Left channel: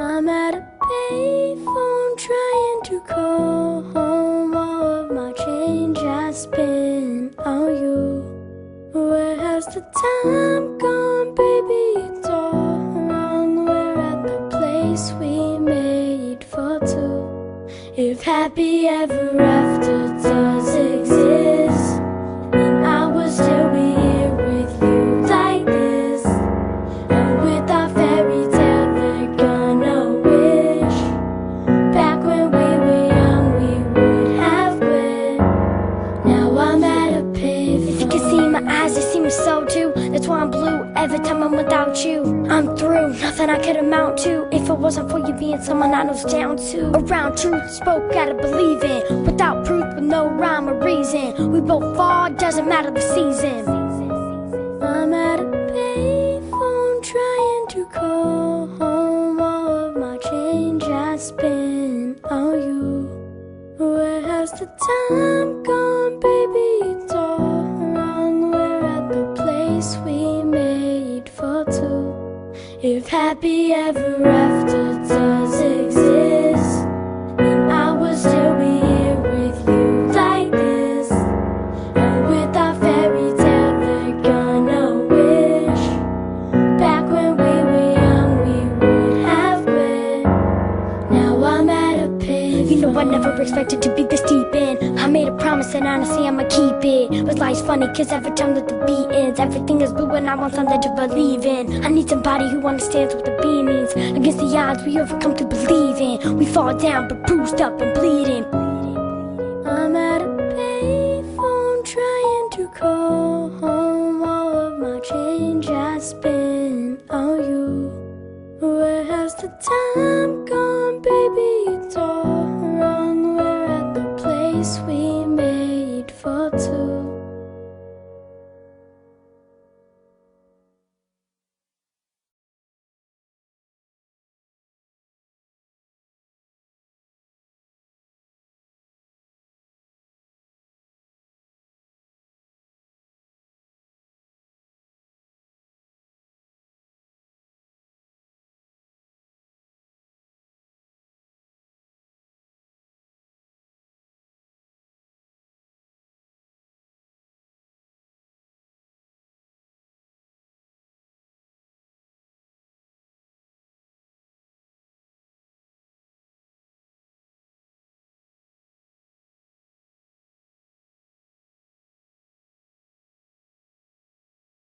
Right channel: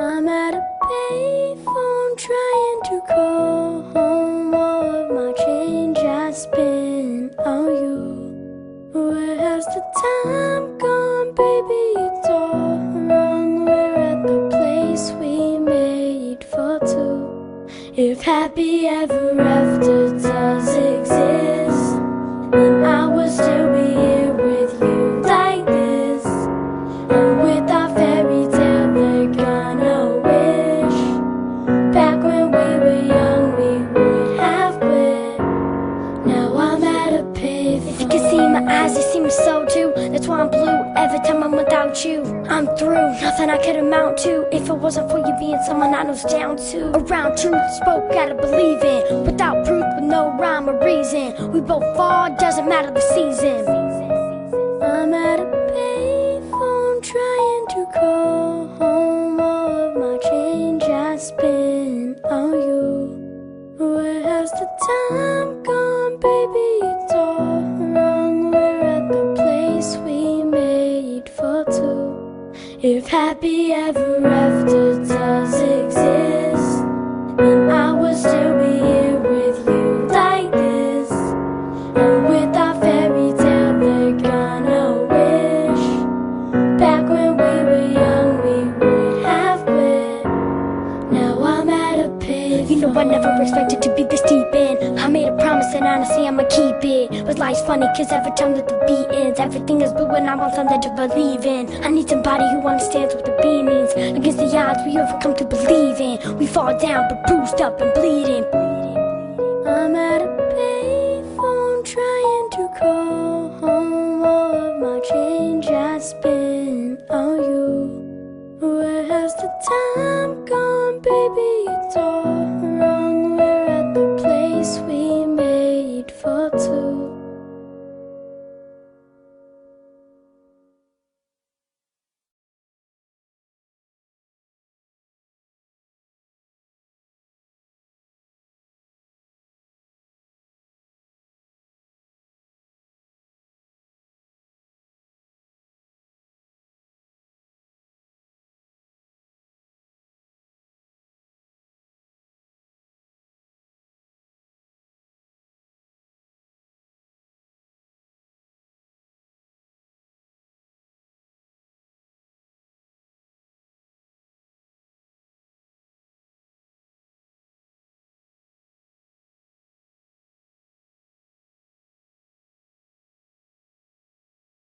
I'm at a payphone trying to call home. All of my change I spent on you. Where has the time gone, baby? It's all wrong. We're at the place we made for two. If happy ever after does exist, then I would still be here with you like this. And with our fairy tale they're gonna wish back when we were young we would have quit. Now I'm at a payphone. If you can see my eyes, you see my soul too. That's why I'm blue every time I'm without you. I'm through, nothing I could amount to if it wasn't for you being someone I was down to. Around truth, spoke gotta believe in. Without proof, with no rhyme or reason, we both fall, doesn't matter the season. I'm at a payphone trying to call home. All of my change I spent on you. Where has the time gone, baby? It's all wrong. We're at the place we made for two. If happy ever after does exist, then I would still be here with you like this. And with our fairy tale they're gonna wish back when we were young we would have quit. Now I'm at a payphone. You know I never expected to be this deep in. I made a promise and honestly I'ma keep it. But life's funny cause every time that the beat ends, everything is blue and I want something to believe in. I need somebody who understands what the B means. Against the odds we overcome to believe in. We fall down but bruised up and bleeding. I'm at a payphone trying to call home. All of my change I spent on you. Where has the time gone, baby? It's all wrong. We're at the place we made for two.